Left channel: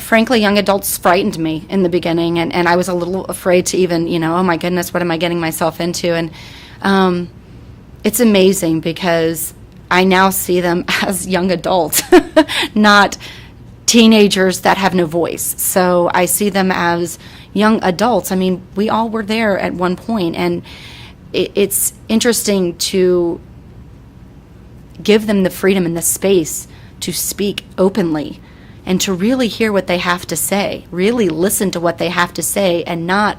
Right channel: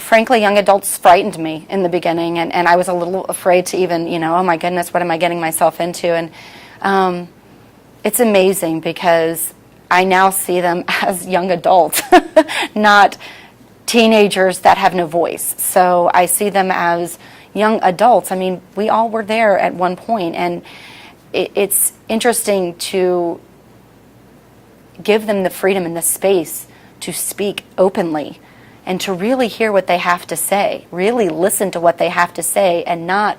frankly, young adults frightened me in the beginning, and I was a little afraid to even, oh my goodness, what am I getting myself into? And it's amazing because I now see them as young adults, not teenagers that have no voice. So I see them as young adults. I mean, we all were there at one point, and it's interesting to give them the freedom and the space to speak openly and to really hear what they have to say, really listen to what they have to say, and not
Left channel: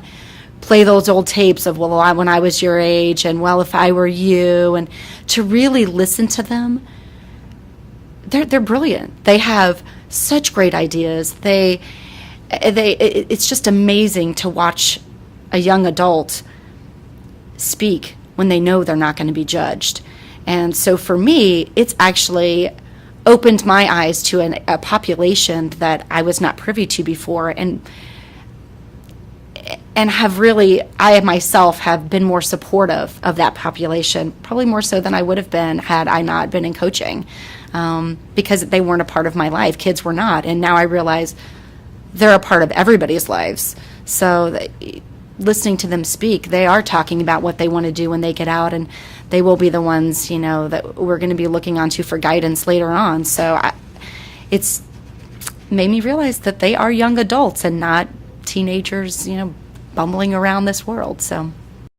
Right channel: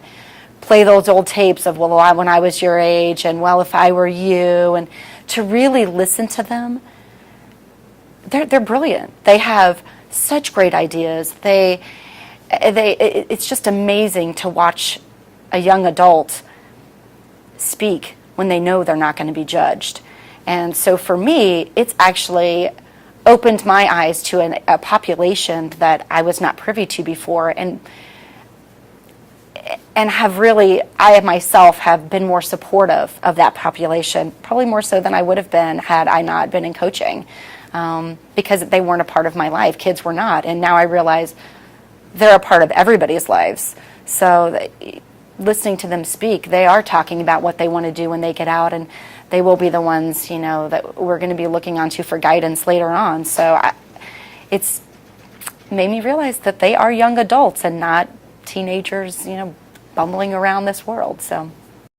play those old tapes of, well, when I was your age, and well, if I were you, and to really listen to them. They're brilliant. They have such great ideas. It's just amazing to watch a young adult speak when they know they're not going to be judged. And so for me, it's actually opened my eyes to a population that I was not privy to before, and have really, I myself have been more supportive of that population, probably more so than I would have been had I not been in coaching, because they weren't a part of my life. Kids were not, and now I realize they're a part of everybody's lives. So listening to them speak, they are talking about what they want to do when they get out, and they will be the ones, that we're going to be looking onto for guidance later on. So it's made me realize that they are young adults and not teenagers, bumbling around this world. So